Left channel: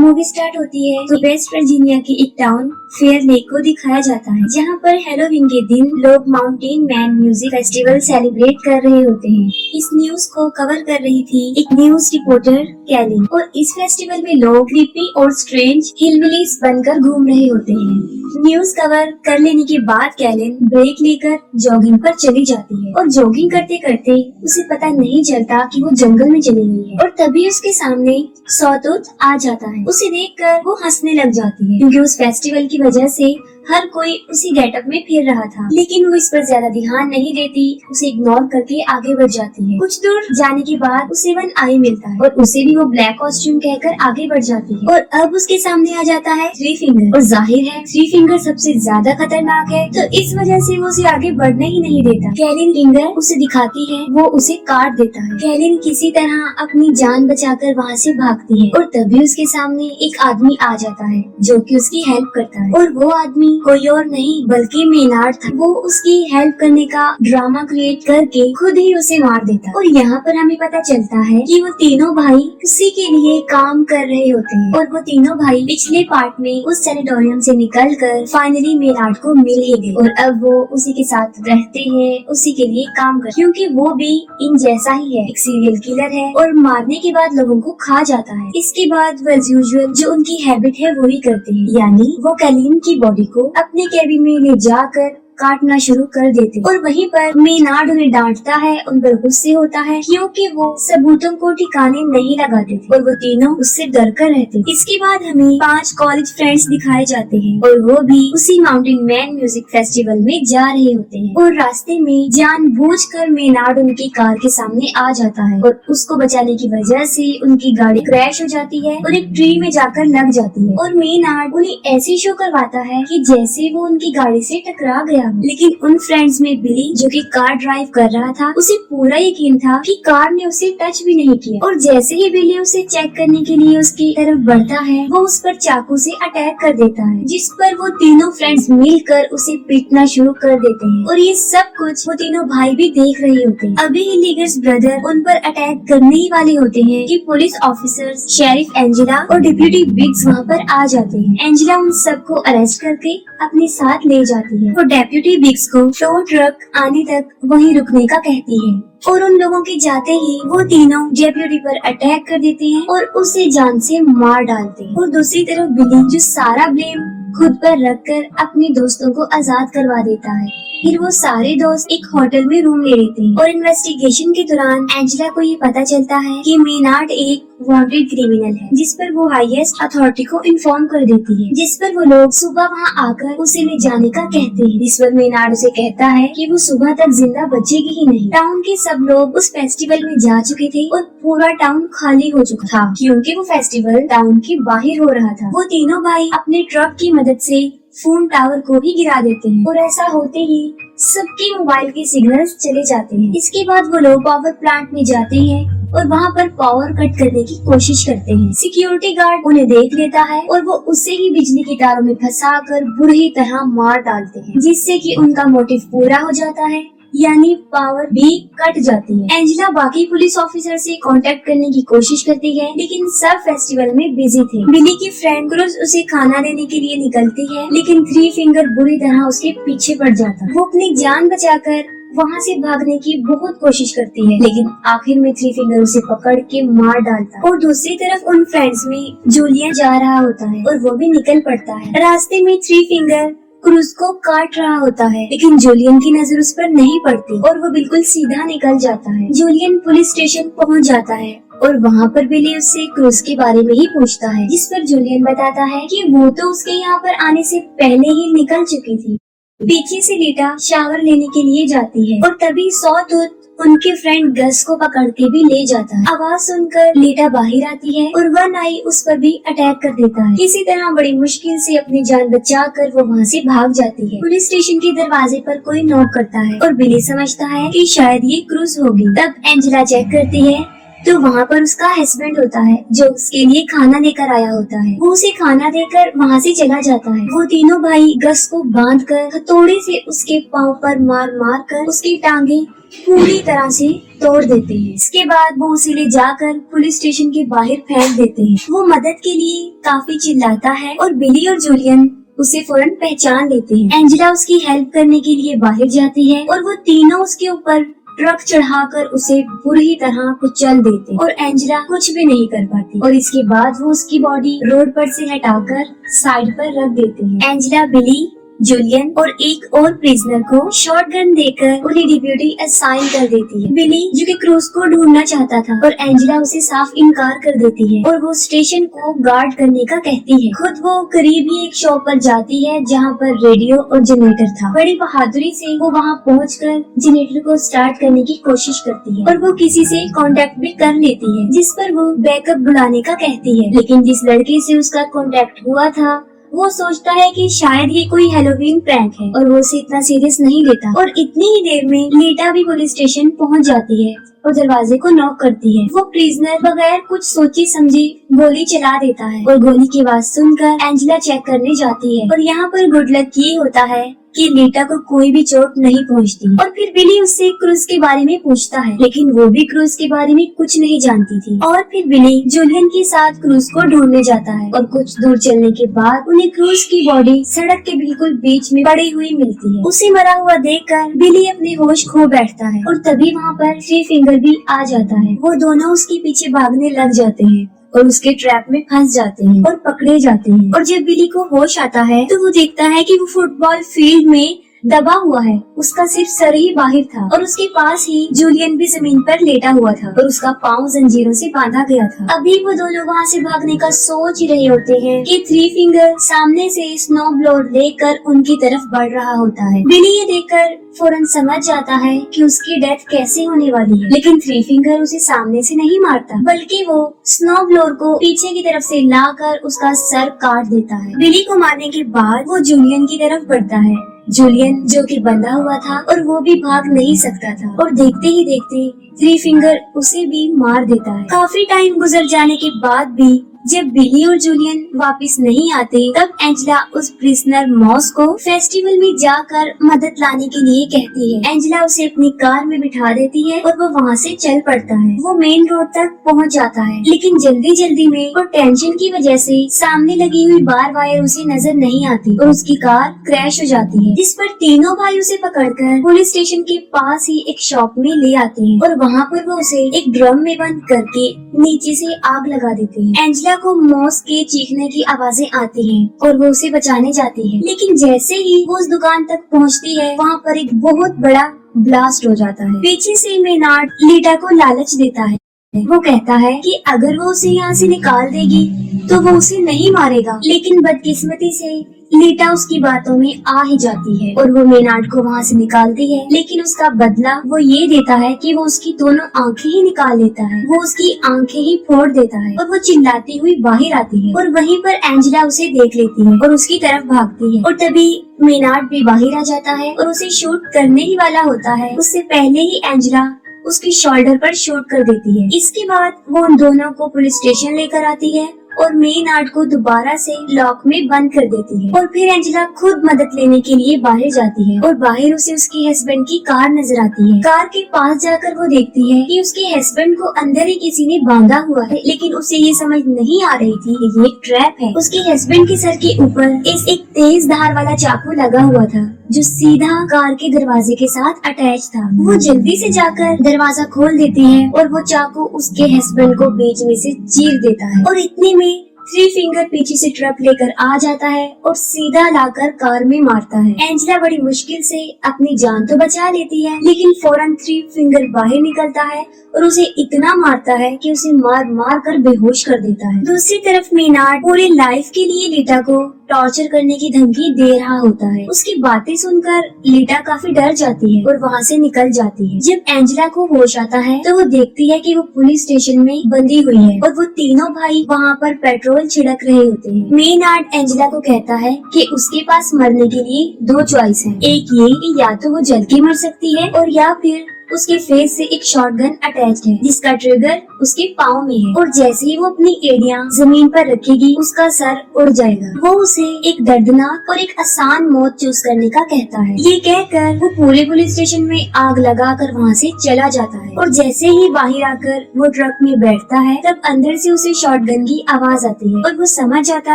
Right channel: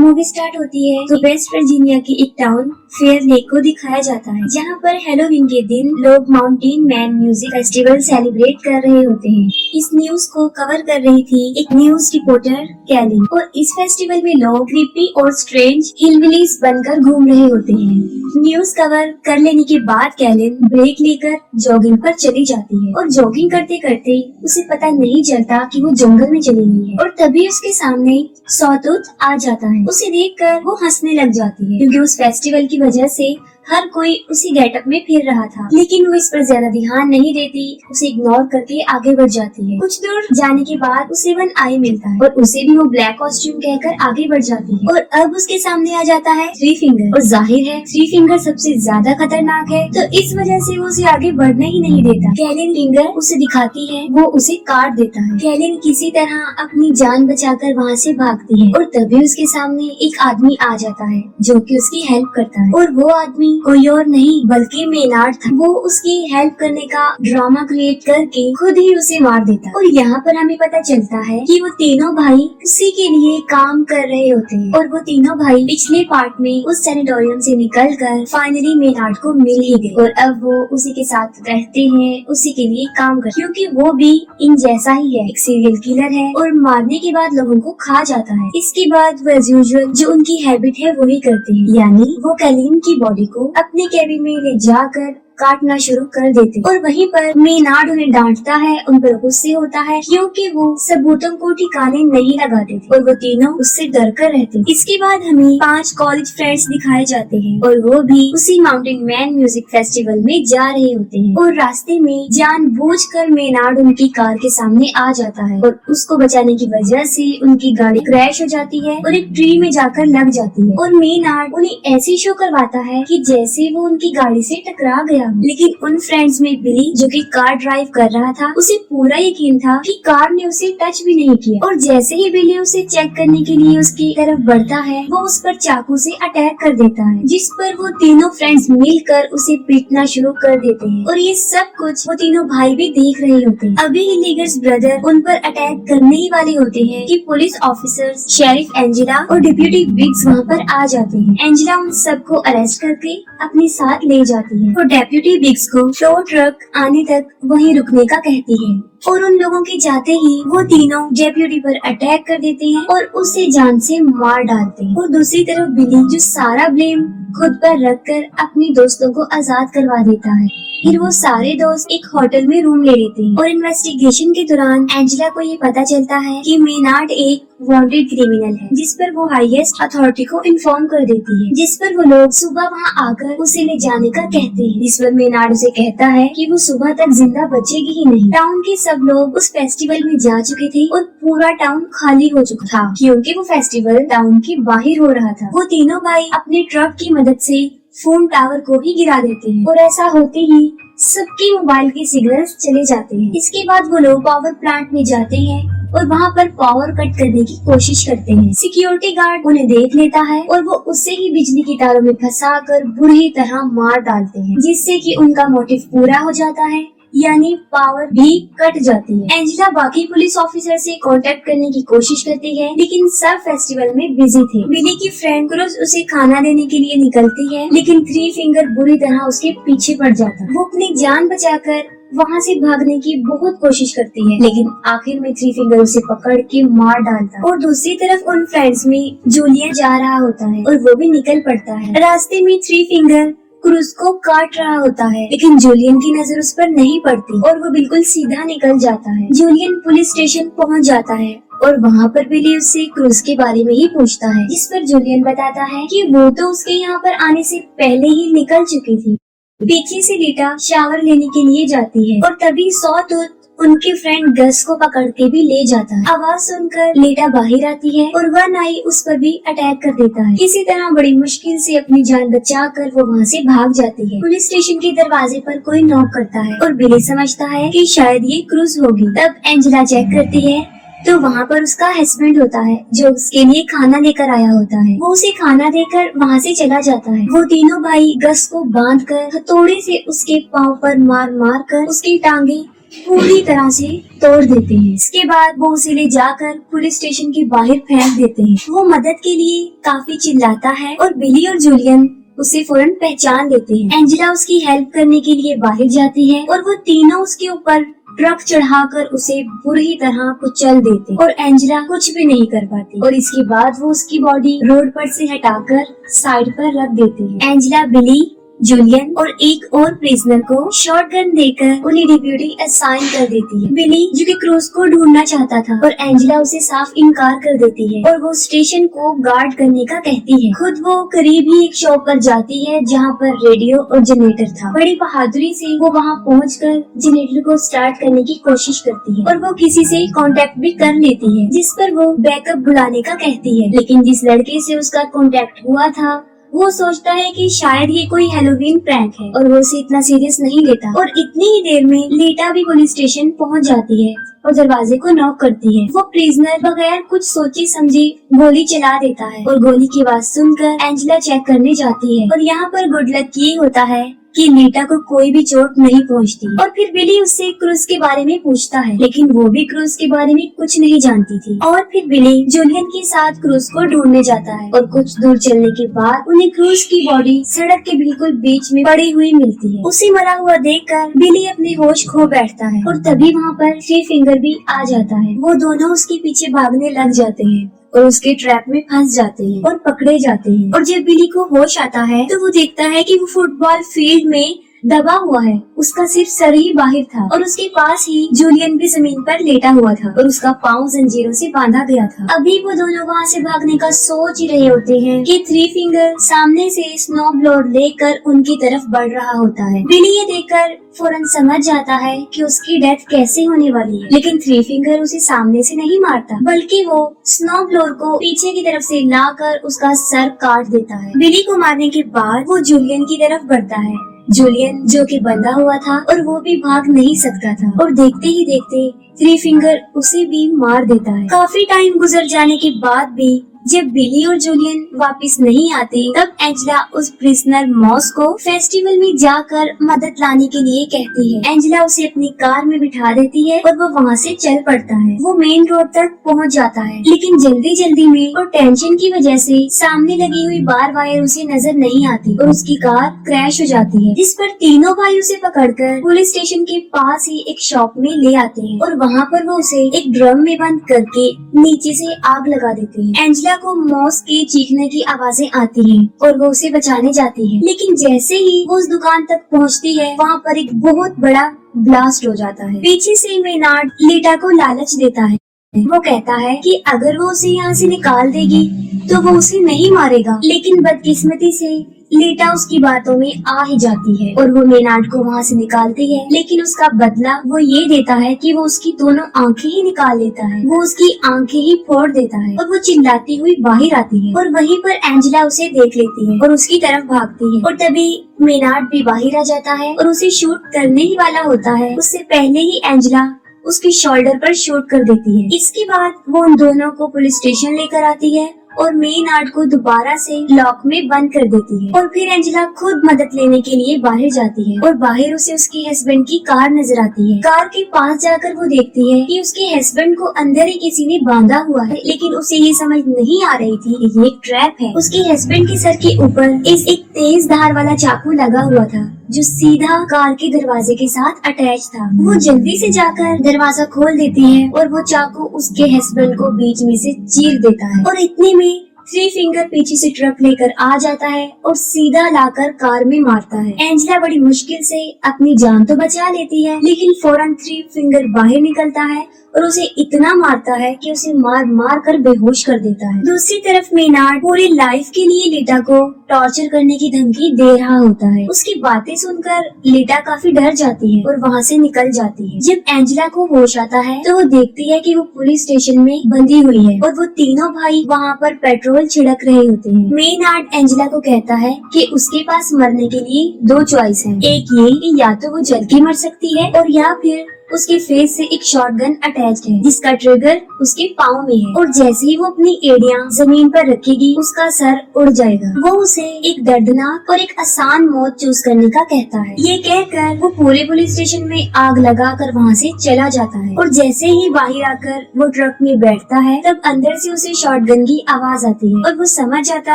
Movie start होती है तो वेस्ट वर्जीनिया की एक टाउन फेयर लेक को दिखाया जाता है, जहाँ पर हेलोवीन के दिन लोग mountain man music festival celebrate कर रहे होते हैं। इस न्यूज को कवर कर रही थी एक न्यूज रिपोर्टर कैलिन, और इस फेस्टिवल में लोग क्रीपी और स्ट्रेंज हिलबिलीज बनकर घूम रहे होते हैं। न्यूज कवर कर लेने के बाद कैलिन ब्रेक लेकर जॉगिंग पर चली जाती है, और जॉगिंग करते करते उसे पता नहीं चलता कि वो जंगल में चली गई है, और तभी उसके सामने सॉटूथ आ जाता है। उसे देखकर वो हंसने लग जाती है, क्योंकि उस फेस्टिवल की वजह से हर कोई उसी गेटअप में फिर रहा था, लेकिन वो इस पर ज्यादा ध्यान नहीं देती, उसे इग्नोर करके आगे बढ़ जाती है। कुछ दूर जाने के बाद उसे वन आई मिलता है, और उसे भी वो ब्लैक कॉस्ट्यूम कहकर आगे बढ़ जाती है, और अब उसके सामने आ जाता है थ्री फिंगर, और जाहिर है थ्री फिंगर सबसे ज्यादा खतरनाक है, तो इस वजह से वो उसे आगे बढ़ने ही नहीं देता। कैलिन फिंगर उसे दिखाती है, वो उसे काट देता है। कैलिन किसी तरह अपनी जान बचाकर वहाँ से भागती है, और तभी उसके सामने एक आदमी आ जाता है जो कि उसकी हेल्प करता है, और वो आदमी कोई और नहीं बल्कि मेनार्ड था। वो उसकी हेल्प करने का ड्रामा क्रिएट करके खुद ही उसे मार देता, और यहाँ पर हमें पता चलता है कि वो तीनों भाई उसी के लिए काम कर रहे होते हैं, और वो तीनों भाई पिछले पार्ट में उस सैनिटोरियम से निकलकर फाइनली मेनार्ड को मिल ही गए, और अब वो उसी के साथ रहते हैं, उसी के लिए काम कर, क्योंकि वो भी इन जैसा ही है, एक सीरियल किलर है और मारने के बाद लोगों को खा जाता है। इसके बाद वो एज यूजुअल जो उनकी हैबिट है वो ही करते हैं, यानी वो कैलिन की बॉडी को अपने केबिन में ले जाकर काटना शुरू कर देते, और वहीं पर मेनार्ड उन्हें डांटता है, उन पर गुस्से होता है क्योंकि वो सबूतों को ठिकाने नहीं लगाते थे, और वो तीनों उससे डर कर रहते। इसके बाद हमें 5 कॉलेज फ्रेंड्स दिखाए जाते हैं, और वो भी उसी माउंटेन मैन म्यूजिक फेस्टिवल में जा रहे होते हैं, और रास्ते में जानबूझकर मेनार्ड उनकी कार के सामने आ जाता है, और उसको बचाने की वजह से उनकी गाड़ी क्रैश हो जाती है और एक ट्री में जाकर लग जाती है, और मेनार्ड उन्हें ऐसे शो करवाता है कि जैसे वो उनकी गाड़ी से टकरा गया। लेकिन उन फ्रेंड्स में बिली जो कि कार ड्राइव कर रहा था, उसे पूरा यकीन था कि कार ने उसे टच भी नहीं किया, और जैसे ही बिली उसे चेक करने के लिए उसकी तरफ बढ़ता है, वो उस पर चाकू से अटैक कर देता है, जिस पर वो तीनों फ्रेंड्स मिलकर उसे पीटना शुरू कर देते हैं, और ये सब कुछ वो तीनों भाई भी देख रहे होते हैं। अभी लीगर्स ब्रदर उन पर अटैक करने ही वाले होते हैं कि पुलिस ऑफिसर्स, शेरिफ एंजेला और डिप्यूटी बिग्स वहाँ पर आ जाते हैं। एंजेला उन सबको अरेस्ट करके अपने साथ ले जाती है, वो डेप्यूटी बिग्स को टो ट्रक आने तक वहीं रुकने का कहती है, और उन लोगों के जाते ही वो तीनों डेप्यूटी पर अटैक कर देते हैं और उसे जान से मार डालते हैं। और दूसरी तरफ बिली जो सारा ब्लेम खुद पर रखकर अपने दोस्तों को आजाद करवा देता है। फिर वो सारे दोस्त एक होटल में रूम ले लेते हैं, और इन्वेस्टिगेशन के दौरान एंजेला को ये पता चलता है कि मेनार्ड एक वांटेड क्रिमिनल है, जिस पर वो हाईएस्ट अथॉरिटी को इन्फॉर्म कर देती है, जिस पर वो लोग सुबह वहाँ आकर उसे ले जाने का कहते हैं, जिस पर मेनार्ड उसे कहता है कि वो सुबह तक जिंदा बचेगी ही नहीं। टाउन के सब लोग उस फेस्टिवल में जा चुके थे, और पूरा टाउन खाली हो चुका था, क्योंकि वो फेस्टिवल टाउन के बाहर हो रहा था। वो तीनों भाई अपने ट्रक की मदद से फोन टावर को भी गिरा देते हैं, और ऐसा होते ही सबके मोबाइल के सिग्नल्स चले जाते हैं। इसके बाद वो लोग पावर प्लांट में जाते हैं और वहाँ पर पावर कट करने की कोशिश करते हैं। सिक्योरिटी गार्ड उन्हें देख लेता है, और वो उसे ही बिजली के तारों में फंसाकर बुरी तरह मार डालते हैं, जिससे कि उनका मोटिव पूरा हो जाता है, यानी पावर भी कट जाती है। एंजेला बाकी पुलिस ऑफिसर से कांटेक्ट करने की कोशिश करती है, लेकिन सब फेस्टिवल में बिजी थे। बिली की फ्रेंड क्रूज उसे खाना देने के लिए निकलती है, लेकिन थ्री फिंगर बुरी तरह उसके पीछे पड़ जाता है। वो अपनी जान बचाकर वहाँ से भागने की बहुत कोशिश करती है, लेकिन आखिर में थ्री फिंगर उसे पकड़ के मार डालता है। और दूसरी तरफ उन फ्रेंड्स में जूलियन जा रहा होता है, और वो भी निकल पड़ता है। रास्ते में थ्री फिंगर क्रूज को काट रहा होता है, लेकिन जूलियन की नजर उस पर नहीं पड़ती, और वो बिल्कुल सीधा निकल जाता है। जूलियन पुलिस स्टेशन पहुंच जाता है, और वहाँ पर बिली उससे क्रूज के बारे में ही पूछता है, जिस पर जूलियन बताता है कि वो तो उसके यहाँ पर आने से पहले ही निकल चुकी थी। पीछे से लीटा शावर लेने के लिए जाती है, और तभी सॉटूथ उनके फ्रेंड गस को पकड़ के भी ले जाता है। आवाज सुनकर लीटा बाहर आती है, और वन आई उस पर भी अटैक कर देता है। किसी तरह बड़ी मुश्किल से अपनी जान बचाकर वो वहाँ से भाग जाती है। पुलिस स्टेशन के दरवाजे पर कोई नॉक करता है, और बिली समझता है कि शायद ये क्रूज होगी। तब एंजेला चेक करती है तो वहाँ पर उसका हस्बैंड होता है, जो उसके लिए खाना लेकर आया होता है। वो उसे खाना देकर वहाँ से चला जाता है। वो तीनों भाई गस को बांधकर हथौड़े से उसके पाँव पर मार मार कर उसकी टांगे पूरी तरह से तोड़ देते हैं। इसके बाद वो उसे ले जाकर पुलिस स्टेशन के बाहर फेंक देते हैं। वो मदद के लिए काफी चिल्लाता है और बिली और जूलियन उसे फौरन पहचान लेते हैं। एंजेला उसकी हेल्प करने के लिए बाहर जाती है और वो तीनों उसके ऊपर ट्रक चढ़ाकर उसे बुरी तरह कुचल देते और एंजेला कुछ भी नहीं कर पाती। और इसके बाद वो उसकी बॉडी रोड पर से हटाकर साइड पर रख देते हैं। एंजेला बिली, जूलियन और एक और प्रिजनर को शॉटगन देकर उन्हें डिप्यूटी असाइन कर देती है। बिली जो कि क्रूज को ढूंढना चाहता था और एंजेला उसे साफ इनकार कर देती है और वो स्टेशन को गार्ड करने का कहती है। खुद वो करीब ही एक शॉप पर जाती है जहाँ पर रेडियो और जनरेटर था। बड़ी बहादुरी से वो वहाँ पहुंचकर जनरेटर को स्टार्ट करने की कोशिश करती है और वो किसी से कांटेक्ट भी कर लेती है, जिस पर वो बैकअप बुलाने का कहती है। लेकिन जिस लड़के से उसका कांटेक्ट हुआ था वो सोचता है कि शायद ये कोई हैलोवीन प्रैंक है और वो उसे इतना सीरियस नहीं लेता। और इतनी ही देर में लीटा भी पुलिस स्टेशन पहुंच जाती है और दरवाजे को नॉक करती है। वो प्रिजनर बगैर कुछ सोचे समझे गोली चला देता है और गोली की आवाज सुनकर एंजेला चेक करने जाती है और यहाँ पर गुड लक ये होता है कि लीटा को कोई भी चोट नहीं पहुंचती। और फिर बिली उससे क्रूज के बारे में पूछता है, लेकिन वो भी क्रूज के बारे में कुछ नहीं जानती थी। और फिर बिली जूलियन के साथ क्रूज को ढूंढने जाता है और कुछ दूर चलने के बाद उन्हें क्रूज की बॉडी सड़क के बिल्कुल बीच में पड़ी हुई मिलती है। उसे मरा हुआ देखकर बिली अपने होश खो बैठता है और तभी वहाँ पर थ्री फिंगर भी आ जाता है। वो दोनों उसके पीछे भागने लग जाते हैं और उसके ट्रैप में फंस जाते हैं और पकड़े जाते हैं। और जब बिली को होश आता है तो वो देखता है कि वो फुटबॉल फील्ड में दबा हुआ है। उसका सिर्फ सर ही बाहर था और उसके पास ही जूलियन भी जमीन पर लेटा हुआ था और उसका पाँव जंजीरों से बांधा गया था। अभी वो दोनों वहाँ से भागने का सोच ही रहे होते हैं कि थ्री फिंगर सामने से स्नो ब्लोअर लेकर उनकी तरफ बढ़ रहा होता है। बिली ये देखकर फौरन समझ जाता है कि उसकी डेथ कैसे होने वाली है, लेकिन थ्री फिंगर उसे सामने से नहीं मारता बल्कि वो स्नो ब्लोअर को पीछे की तरफ से लाकर उसका सर काट देता है। बिली को मारने के बाद वो जूलियन की तरफ बढ़ता है। जूलियन जो कि बंधा हुआ था और वो भी भाग नहीं सकता था और देखते ही देखते थ्री फिंगर उसे भी मार देता है। काफी टाइम गुजर जाने के बाद भी जब बिली और जूलियन वापस नहीं आते तब एंजेला उस प्रिजनर मॉस को फेस्टिवल में जाकर मदद लाने के लिए कहती है। एंजेला उसे अपनी कार में बिठा देती है और वो वहाँ से चल पड़ता है। वो मेन रोड तक पहुँच जाता है, लेकिन जल्दी जल्दी में और टेंशन की वजह से सामने लगी हुई बार वायर उसे नजर नहीं आती और उसकी कार क्रैश हो जाती है, जिस पर तीनों भाई उसे पकड़कर पुलिस स्टेशन के पास ही एक शॉप में ले आते हैं और वहाँ पर वो उसे एक ड्रम में बंद करके नीचे से आग लगा देते हैं। एंजेला को मॉस के चीखने की आवाजें आती हैं और वो उसे बचाने जाती है, लेकिन जैसे ही वो उस दुकान तक पहुंचती है वहाँ पर एक बहुत बड़ा ब्लास्ट हो जाता है। पीछे से मेनार्ड लीटा को लालच देता है। वो कहता है कि अगर वो उसे यहाँ से निकाल देगी तो वो उसे नहीं मारेगा, लेकिन बदकिस्मती से लीटा उसकी बातों में आ ही जाती है और वो मेनार्ड को वहाँ से निकालती है, लेकिन उसका बदला वो ये देता है कि वो उसकी दोनों आंखें ही निकाल लेता है। वो उसकी आंखें ही फोड़ देता है और वो चिल्लाती हुई बाहर आती है और वहीं पर एंजेला उसे देख लेती है और उसकी तरफ भागती है और तभी मेनार्ड भी बाहर आ जाता है और उसे शूट करने ही वाला होता है। उससे पहले ही एंजेला उसकी शोल्डर पर शूट कर देती है। इसके बाद वो उन दोनों को पुलिस स्टेशन लेकर आती है और मेनार्ड को दोबारा से लॉक में बंद कर देती है और फिर एंजेला खुद मदद लेने के लिए बाहर जाती है और बाहर उसे उसके हस्बैंड की कार नजर आती है। कार के पास जाकर वो देखती है कि उसके हस्बैंड को अंदर ही किसी ने बांधा हुआ है, लेकिन उसे ये समझ नहीं आ रही थी कि ये एक ट्रैप है। उसके हस्बैंड के सर के ऊपर एक तेज धार वाला चाकू लगा हुआ था जो सीधा कार के दरवाजे के साथ अटैच था। वो जल्दी से जाकर दरवाजा खोल देते हैं और वो चाकू उसके हस्बैंड को बीच में से चीर देता है और इतने में थ्री फिंगर पीछे से ट्रक लेकर आ जाता है और सीधा लाकर कार में मारता है। एंजेला बड़ी मुश्किल से अपनी जान तो बचा लेती है, लेकिन फौरन थ्री फिंगर बाहर निकलता है और उसे इतना मारता है कि उसे मार मार कर बेहोश कर देता है। दूसरी तरफ मेनार्ड पूरी लाइफ के लिए लीटा को टॉर्चर करने की धमकी दे रहा होता है। उसकी बातें सुनकर लीटा काफी डर जाती है और वहाँ से निकल जाती है। जब एंजेला को होश आता है तो वो देखती है कि वो पुलिस स्टेशन में बंधी हुई है और वो तीनों भाई वहाँ पर पेट्रोल छिड़क रहे होते हैं। मेनार्ड एंजेला को कहता है कि उसके पास मरने के लिए दो चॉइस है। एक ये कि या तो वो जल के मर सकती है और या फिर उस उसके फेस से एक शॉटगन अटैच्ड है जिसका ट्रिगर उसके पाँव में है और जैसे ही वो अपनी एड़ियां जमीन पर रखेगी उसका सर उड़ जाएगा। वो उसे एक दर्दनाक और एक आसान मौत चूज करने का कहता है। ये कहकर वो पूरे पुलिस स्टेशन में आग लगाकर वहाँ से चला जाता है और जैसे ही बाहर आकर वो ट्रक में बैठता है तब अंदर से उसे शॉटगन की आवाज आती है और वो समझ जाता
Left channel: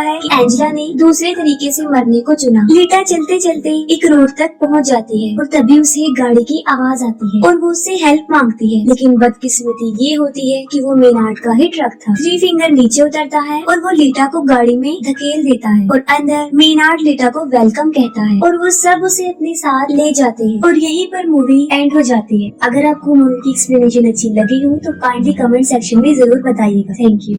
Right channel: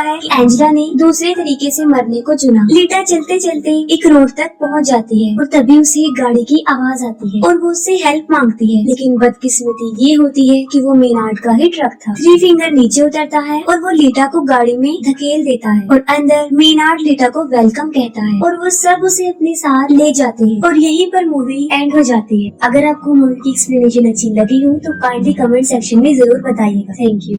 है कि एंजेला ने दूसरे तरीके से मरने को चुना। लीटा चलते चलते एक रोड तक पहुँच जाती है और तभी उसे गाड़ी की आवाज आती है और वो उससे हेल्प मांगती है, लेकिन बदकिस्मती ये होती है कि वो मेनार्ड का ही ट्रक था। थ्री फिंगर नीचे उतरता है और वो लीटा को गाड़ी में धकेल देता है और अंदर मेनार्ड लीटा को वेलकम कहता है और वो सब उसे अपने साथ ले जाते हैं और यहीं पर मूवी एंड हो जाती है। अगर आपको मूवी की एक्सप्लेनेशन अच्छी लगी हो तो काइंडली कमेंट सेक्शन में जरूर बताइएगा। Thank you.